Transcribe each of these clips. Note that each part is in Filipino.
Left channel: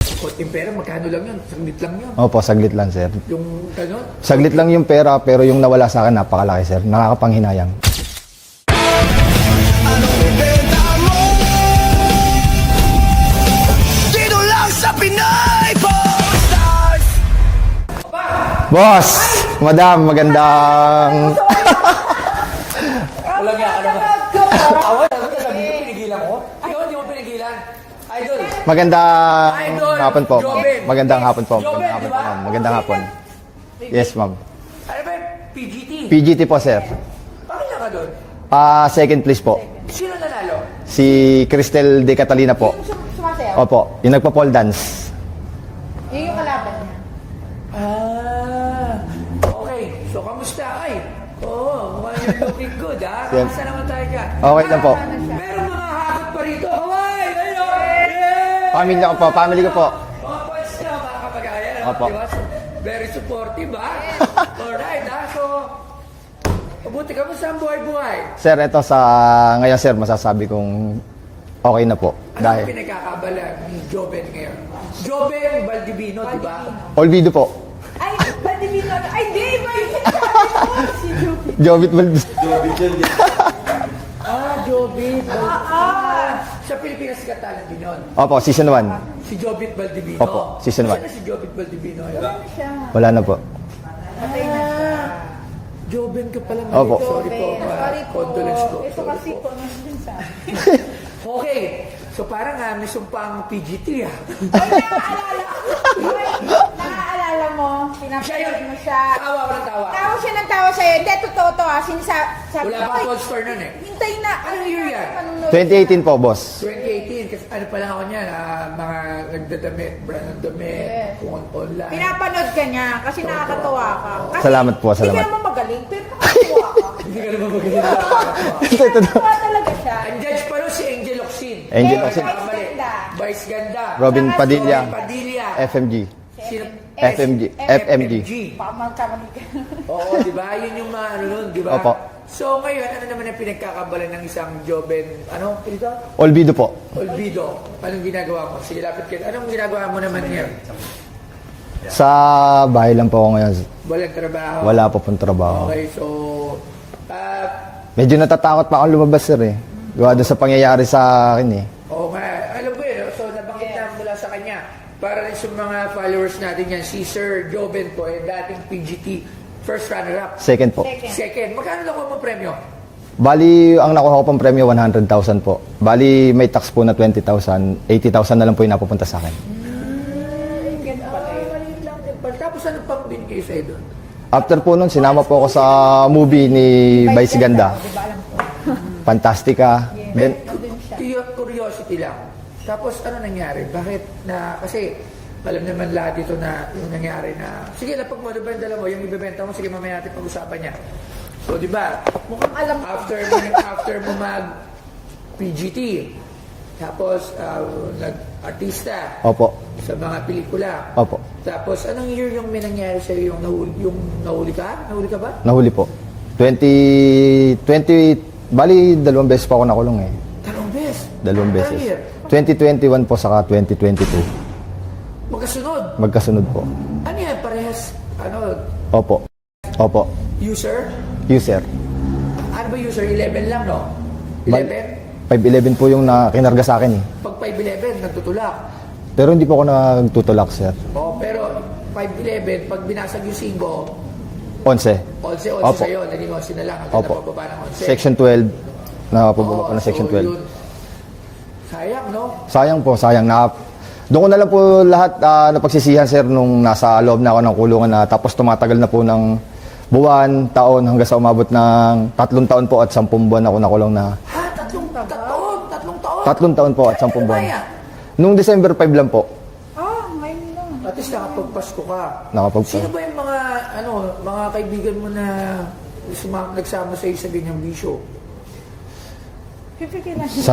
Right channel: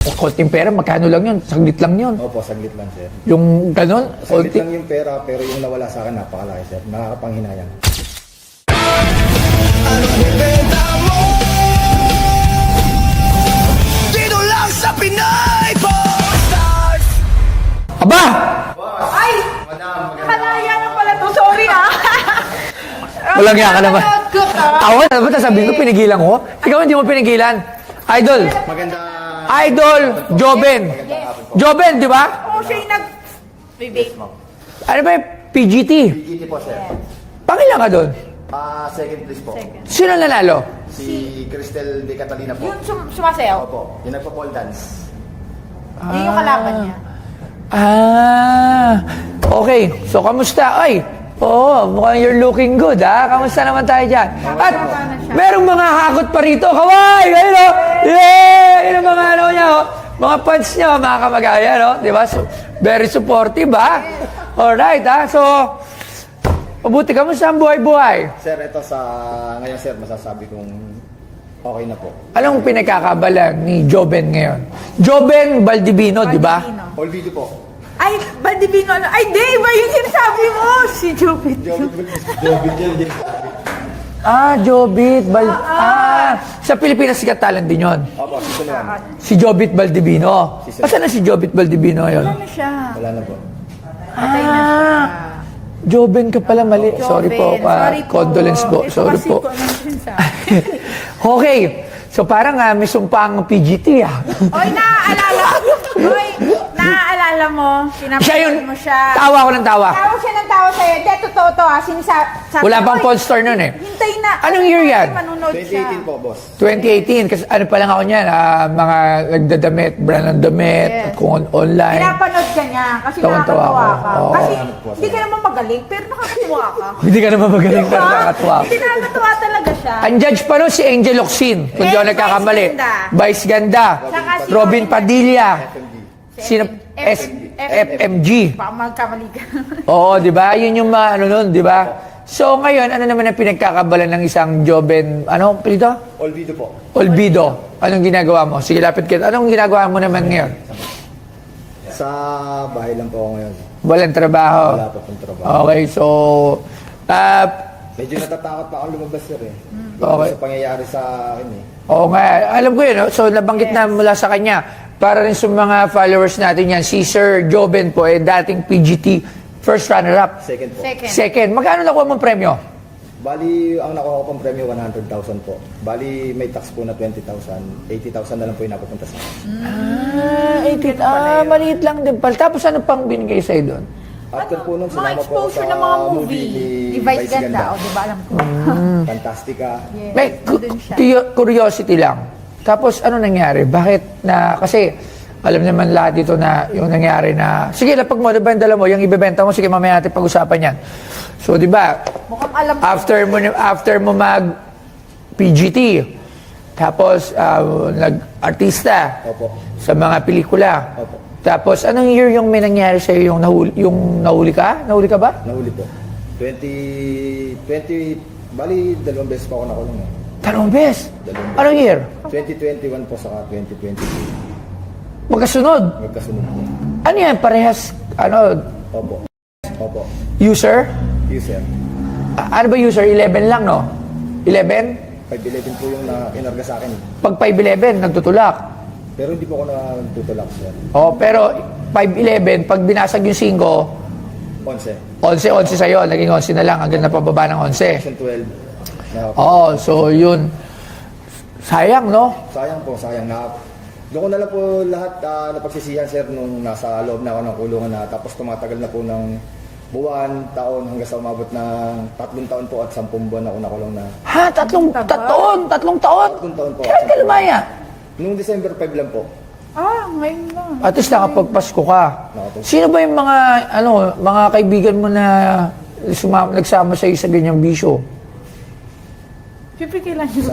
Konting pera, magkano lang yun? Saglit lang yun. Opo, saglit lang, sir. Yung ganon? Saglit lang yung pera, pero yung nawala sa akin, napakalaki, sir. Nakakapanghinayang. Anong bibenta mo? Dito lang sa Pinay Stars! Aba! Boss! Madam, magandang... Sorry ah. Walang yan ka naman. Awan, dapat sabihin ko, pinigilan ko. Ikaw hindi mo pinigilan. Idol! Magandang Idol! hapon po. Joben! Magandang hapon po. Joben, di ba? Magandang hapon. Yes, ma'am. Ano ba yung PGT? PGT po, sir. Pangilan ka doon? Second place po. Sino nanalo? Si Cristel De Catalina po. Sumasayaw. Opo, yung nagpa-pole dance. Yun yung kalaban niya. Okay. So, kamusta? Ay, mukhang you're looking good, ha? Kamusta naman tayo dyan? Okay At lang po. merong mga hakot pa rito. Kaway! Ayun, o! Yay! Pangil po, pangil po. Mga fans nyo, mga kamagaya, no? Di ba? So, very supportive, ha? Alright, ha? So, mabuti, kamusta ang buhay-buhay? Sir, ito sa... Ngayon, sir, masasabi kong okay na po. Anong pinagkakabalan ni Joben ngayon? Joben Baldivino, di ba? Olvido po. Ay, Baldivino. Ay, di! Iba yung sinasabi mo! Si Jupit. Jovit Valdez. Jobit sa Pilipinas sikat talent din yun. Opo, season 1. Si Jobit Baldivino. Opo, season Asan na si Jobit Baldivino ngayon? Ano siya? Wala na po. Joben ka pala, mali. Opo. Sorry po. Sorry po. Condolence po. Ito Sorry kasi po. condolence ah. Okay. So parang may sumpang PGT, ah. Oy, naaalala mo, Siya yun. pinapanood mo siya. Tawa ko ng tawa. Tawa siya ng tawa sa'yo. Hindi, totoo to ah. Wala pang Pawn Store nun eh. Hintay na. Anong year yan? Manunod 2018 siya. po, boss. 2018. Kasi ano pa lang ako niyan, mga nagdadamit, brand ng damit, Yes. kung online. Pinapanood ka niya kasi Tawan-tawa nakakatawa ako. ka. Oo. Kasi Salamat po, Hindi salamat. ka naman magaling, pero nakakatawa ka. Hindi ka naman magaling pero nakakatuwa. Nakakatawa talaga siya. Ang judge pa nun si Angel Locsin. Kung di ako Vice nagkakamali. Ganda. Vice Ganda. Robin Saka si Padilla. Robin Padilla. FMG. Sino? FMG. FMG. Baka magkamali ka. Oo, di ba? Yun yung ano nun, di ba? Opo. So ngayon, ano naman ang pinagkakabalan ng isang Joben, ano, dito? Olvido po. Olvido. Anong ginagawa mo? Sige, lapit kita. Anong ginagawa mo naman ngayon? Sa bahay lang po ako ngayon. Walang trabaho? Wala po pong trabaho. Okay, so, Medyo natatakot pa akong lumabas, sir eh. Gawa doon sa pangyayari sa akin eh. oo nga, alam ko yun. No? So, nabanggit na mula sa kanya. Para rin sa mga followers natin yan, si Sir Joben po, dating PGT first runner-up. Second po. Second. Magkano nakuha mong premyo? Bali, ang nakuha ko pong premyo, 100,000 po. Bali, may tax po na 20,000. 80,000 na lang po yung napupunta sa akin. 18. Maliit lang din pala. Tapos ano pang binigay sa'yo doon? After po nun, sinama po ako sa movie ni Vice Ganda. Di ba alam ko? Fantastica. May curiosity lang. Tapos ano nangyari? Bakit na, kasi alam naman lahat dito na yung nangyari na, sige, lapag mo, diba yung dala mo, yung ibebenta mo, sige, mamaya natin pag-usapan yan. So, di ba, Mukhang alam ko. after mo mag PGT, tapos nag-artista Opo. sa mga pelikula. Opo. Tapos, anong year yung may nangyari sa'yo yung nahuli ka? Nahuli ka ba? Nahuli po. 20, bali, 2 beses po ako nakulong eh. Dalawang beses. 2 beses. Anong year? 2021 po saka 2022. Magkasunod. Magkasunod po. Ano yan? Parehas, Opo. Opo. user? User. Ano ba user? 11 lang, no? 11? 511 po yung kinarga sa akin eh. Pag 511, nagtutulak. Pero hindi po ako nagtutulak, sir. Oh, pero 511, pag binasag yung 5, 11. 11 sa'yo, naging 11 na lang, hanggang Opo. napababa ng 11. Section 12. Oo, so yun. Sayang, no? Sayang po, sayang na. Doon ko na lang po lahat napagsisihan, sir, nung nasa loob na ako ng kulungan na tapos tumatagal na po ng buwan, taon, hanggang sa umabot ng 3 taon po at 10 buwan ako nakulong na. Ha? Tatlong taon? 3 taon po at 10 Kailan buwan. maya? Nung December 5 lang po. Ngayon lang. At least nakapagpasko ka. Nakapagpasko. Sino ba yung mga kaibigan mo na nagsama sa'yo sa ganyang bisyo? Siyempre kailangan.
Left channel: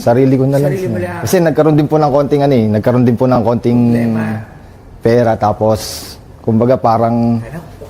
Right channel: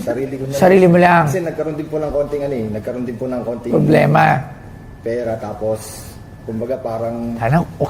Sarili ko na lang. Sarili mo lang. Kasi nagkaroon din po ng konting nagkaroon din po ng konting Problema. pera tapos kumbaga parang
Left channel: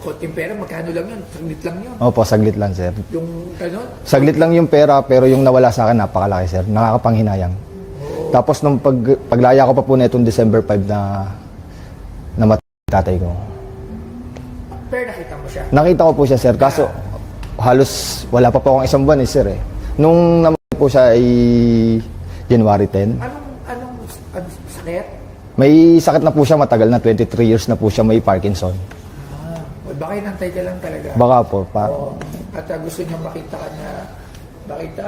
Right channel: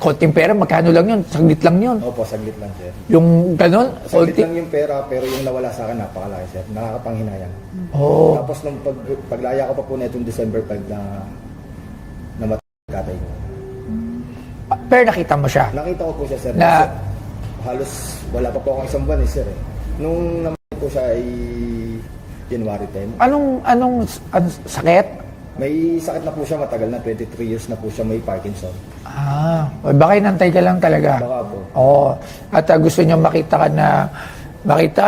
Konting pera, magkano lang yun? Saglit lang yun. opo, saglit lang, sir. Yung ganon? Saglit lang yung pera pero yung nawala sa akin napakalaki, sir. Nakakapanghinayang. Oh. Tapos nung paglaya ko pa po na itong December 5 na namatay yung tatay ko. Pero nakita mo siya. Nakita ko po siya, sir. Na- Kaso halos wala pa po akong isang buwan, sir. Nung namatay po siya ay January 10. Anong sakit? May sakit na po siya, matagal na, 23 years na po siya, may Parkinson. Baka inantay ka lang talaga. Baka po. Oo. At gusto niya makita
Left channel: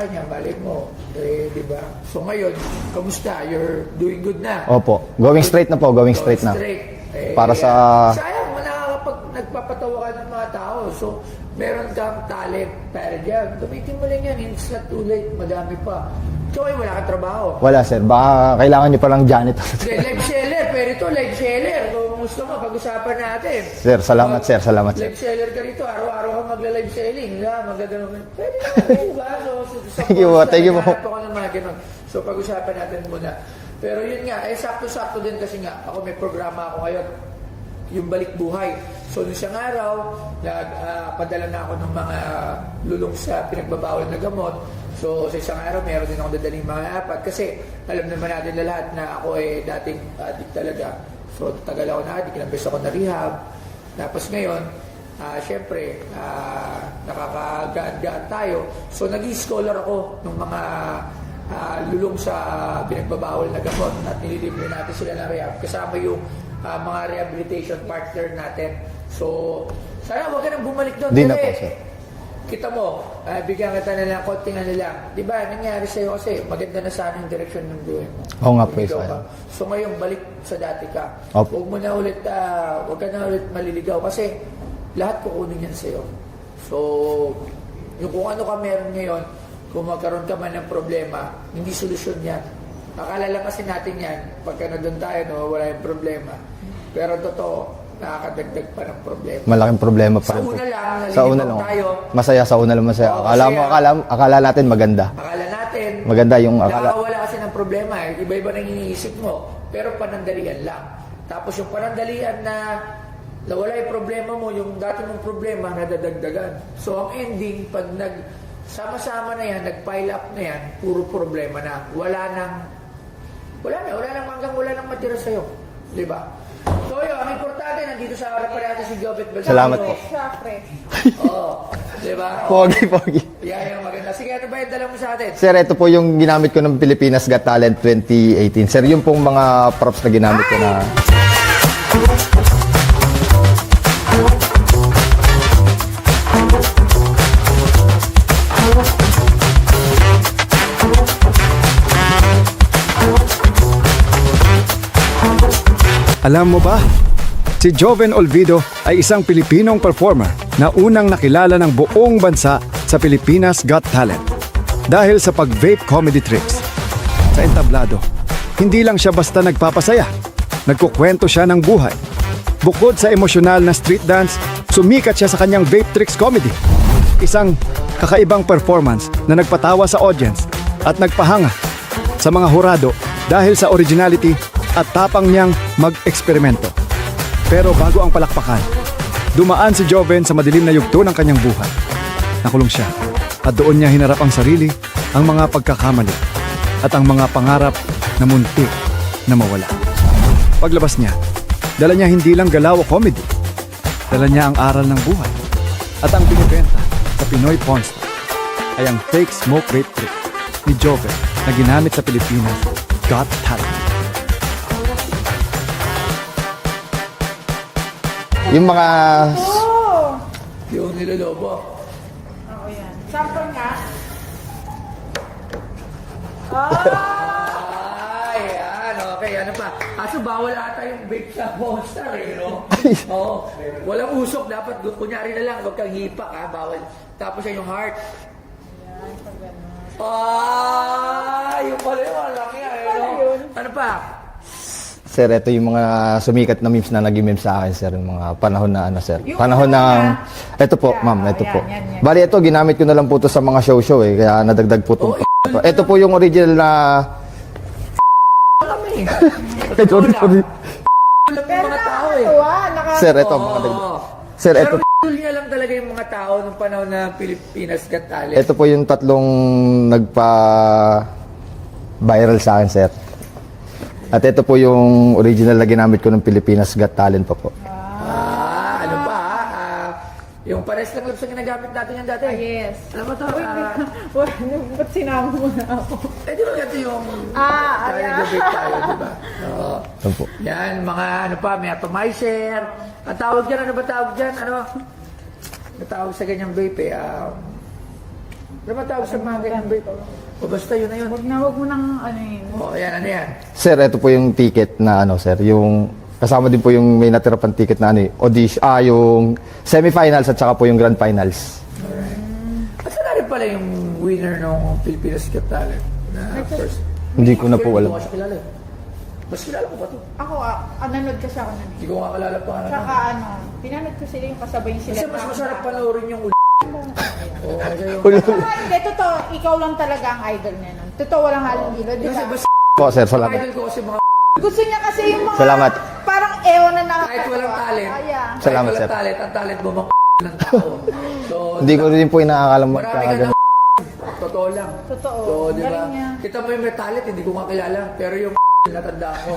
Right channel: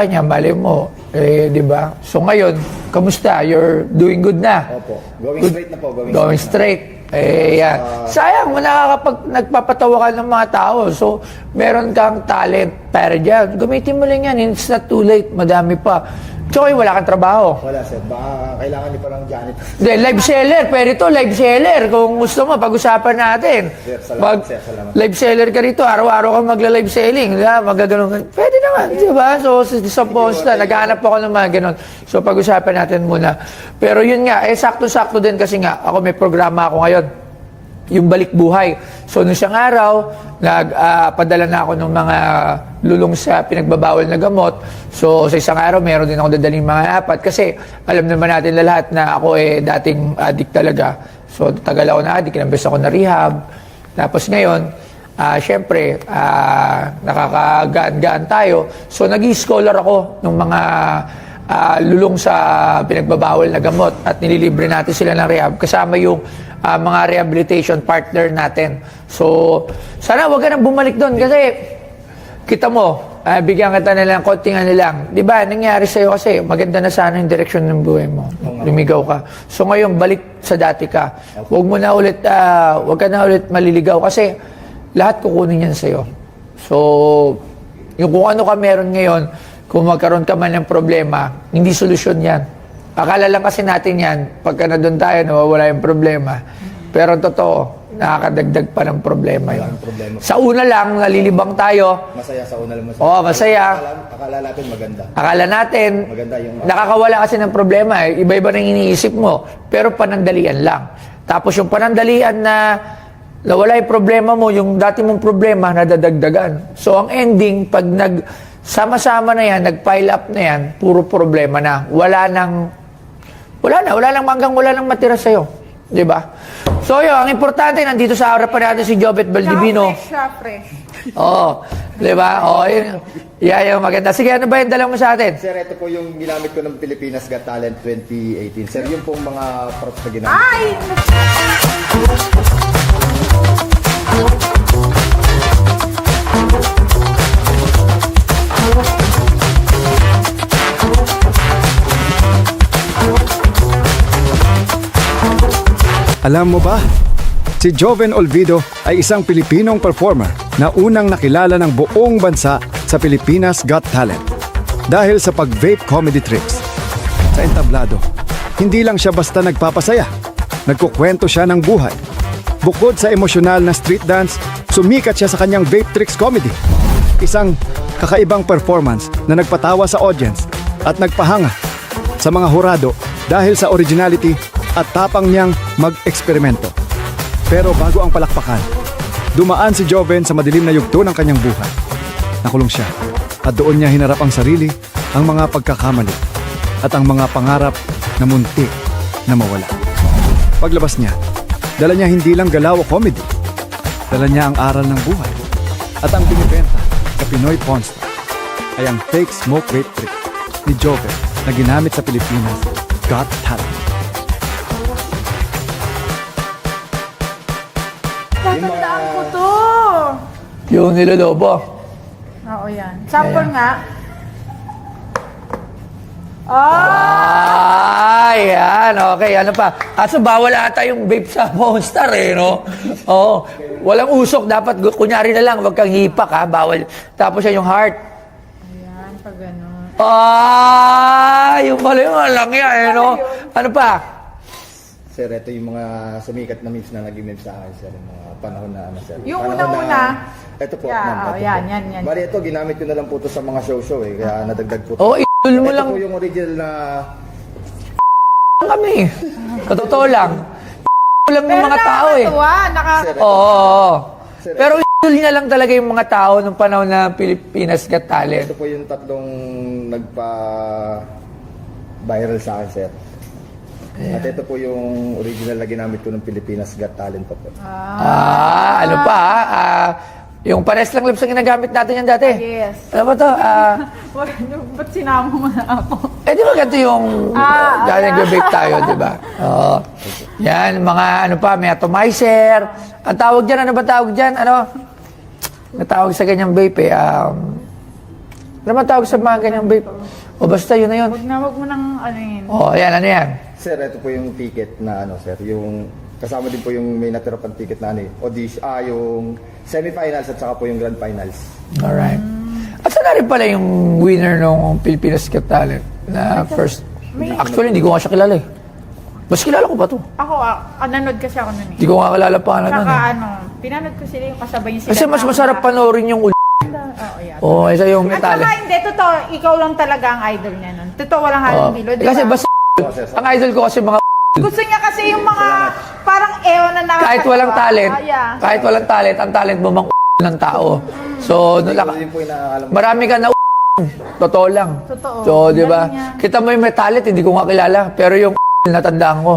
niya, mali mo. Di ba? So ngayon, kamusta? You're doing good na. Opo. Going straight na po, going straight na. Para Yan. sa- Sayang, nagpapatawa ka ng mga tao. So, meron kang talent para dyan. Gamitin mo lang yan. It's not too late. Madami pa. Choy, wala kang trabaho. Wala, sir. Baka kailangan niyo palang janitor. Hindi, live seller. Pwede to, live seller. Kung gusto mo, pag-usapan natin. Sir, salamat, sir. Salamat. Live seller ka rito. Araw-araw kang magla-live selling. Magaganon. Pwede naman, di ba? So, sa Thank you, post na, thank you naghahanap po. ako ng mga ganon. So, pag-usapan natin muna. Pero yun nga, sakto-sakto din kasi nga, ako may programa ako ngayon. Yung balik buhay. So, nung siyang araw, nagpadala na ako ng mga lulong sa pinagbabawal na gamot. So, sa isang araw, meron din ako dadaling mga 4. Kasi, alam naman natin na lahat na ako dating addict talaga. So, tagal ako na addict, kinambes ako na rehab. Tapos ngayon, syempre, nakakagaan-gaan tayo. So, nag-i-scholar ako ng mga lulong sa pinagbabawal na gamot at nililibre natin sila ng rehab kasama yung mga rehabilitation partner natin. So, sana wag ka nang bumalik doon kasi kita mo, bigyan kita na lang, konting ano lang. Di ba, nangyari sa'yo kasi maganda na sana yung direksyon ng buhay mo. Oo nga po, Lumigaw sir. ka. So ngayon, balik sa dati ka. Opo. Huwag ka na ulit maliligaw kasi lahat kukunin yan sa'yo. So, yung kung ano ka meron ngayon, kung magkaroon ka man ng problema, hindi solusyon yan. Akala lang kasi natin yan, pagka na doon tayo, nawawala yung problema. Pero totoo, nakakadagdag pa ng problema. Malaking problema po. Sa una lang, nalilibang Sa una, tayo. Masaya sa una lang, masaya. Oo, masaya. Akala natin maganda. Akala natin, Maganda yung nakakawala kasi ng problema. Iba-iba nang iniisip mo. Pero panandalian lang. Tapos yung panandalian na nawala yung problema mo, yung dati mong problema, nadadagdagan. So ang ending, pag sama-sama na yan, nag-pile up na yan, puro problema na. Wala nang matira sa'yo. Di ba? So yun, ang importante, nandito sa harapan natin si Jobet Baldivino. Fresh siya, fresh. Oo. Di ba? Oo, Pogi, yun. pogi. Yeah, yung maganda. Sige, ano ba yung dala mo sa atin? Sir, ito po yung ginamit ko ng Pilipinas Got Talent 2018. Sir, yung pong mga props na ginamit ko na... Alam mo ba? Si Joven Olvido ay isang Pilipinong performer na unang nakilala ng buong bansa sa Pilipinas Got Talent dahil sa pag-vape comedy tricks. Sa entablado, hindi lang siya basta nagpapasaya, nagkukwento siya ng buhay. Bukod sa emosyonal na street dance, sumikat siya sa kanyang vape tricks comedy. Isang kakaibang performance na nagpatawa sa audience at nagpahanga sa mga hurado dahil sa originality at tapang niyang mag-eksperimento. Pero bago ang palakpakan, dumaan si Joven sa madilim na yugto ng kanyang buhay. Nakulong siya at doon niya hinarap ang sarili, ang mga pagkakamali at ang mga pangarap na munti na mawala. Paglabas niya, dala niya hindi lang galaw o comedy, dala niya ang aral ng buhay. At ang binibenta sa Pinoy Pawn Store ay ang fake smoke vape trick ni Joven na ginamit sa Pilipinas Got Talent. Yung mga... Oh! Yung nilolobo. Oo, yan. Sample nga. Oh! Ay, yan. Okay, ano pa? Kaso bawal ata yung vape sa Monster no? Oo. Walang usok. Dapat, kunyari na lang, wag kang hipak, ha? Bawal. Tapos yan yung heart. Ayan, pag gano'n. Ay, yung mali yung lang yan, no? Ano pa? Sir, ito yung mga sumikat na memes na naging memes sa akin, sir. Yung mga panahon na ano, sir. Yung Panahon una-una. na... Ito po, Yeah, ma'am, ito yan, po. yan. Bali, ito, ginamit ko na lang po ito sa mga show-show eh. Kaya nadagdag po ito. Oh, idol mo Ito lang. po yung original na... Kami. Sa totoo lang. Lang yung mga tao, eh. Sir, ito. Oo. Sir, Pero ito, idol niya lang talaga yung mga tao nung panahon na Pilipinas Got Talent. ito po yung tatlong viral sa akin, sir. At ito po yung original na ginamit ko ng Pilipinas Got Talent pa po. Ano pa, yung pares lang lips ang ginagamit natin yan dati. Yes. Ano ba to? Ba't sinama mo na ako? Di ba ganito yung dahil nag-bake tayo, di ba? Oo. Yan, mga ano pa, may atomizer. Ang tawag dyan, ano ba tawag dyan? Ano? Natawag sa ganyang vape ano ba tawag sa mga ganyang vape? O basta yun na yun. Wag mo nang ano yun. Yan, ano yan? Sir, ito po yung ticket na ano, sir, yung kasama din po yung may natira pang ticket na ano, audition, yung semifinals at saka po yung grand finals. Alright. At saan na rin pala yung winner ng Pilipinas Got Talent na first? Hindi ko na Actually, po hindi ko alam. nga siya kilala eh. Mas kilala ko ba to? Ako, nanood kasi ako nun eh. Hindi ko nga kilala pa na Saka pinanood ko sila yung kasabay yung sila. Kasi mas masarap panoorin yung isa yung Saka talent. hindi, totoo, ikaw lang talaga ang idol niya nun. Totoo, walang halong bilo, di Kasi ba? basta Po, sir, ang salamat. idol ko kasi mga Gusto niya kasi yung mga Salamat. parang ewan na nakakatawa. kahit walang talent, Yeah. kahit Salamat, walang sir. talent, ang talent mo mang ng tao. So, Hindi ko rin po inaakalam. marami ka na totoo lang. Totoo. So, di ba? Galing niya. Kita mo yung may talent, hindi ko nga kilala. Pero yung natandaan ko.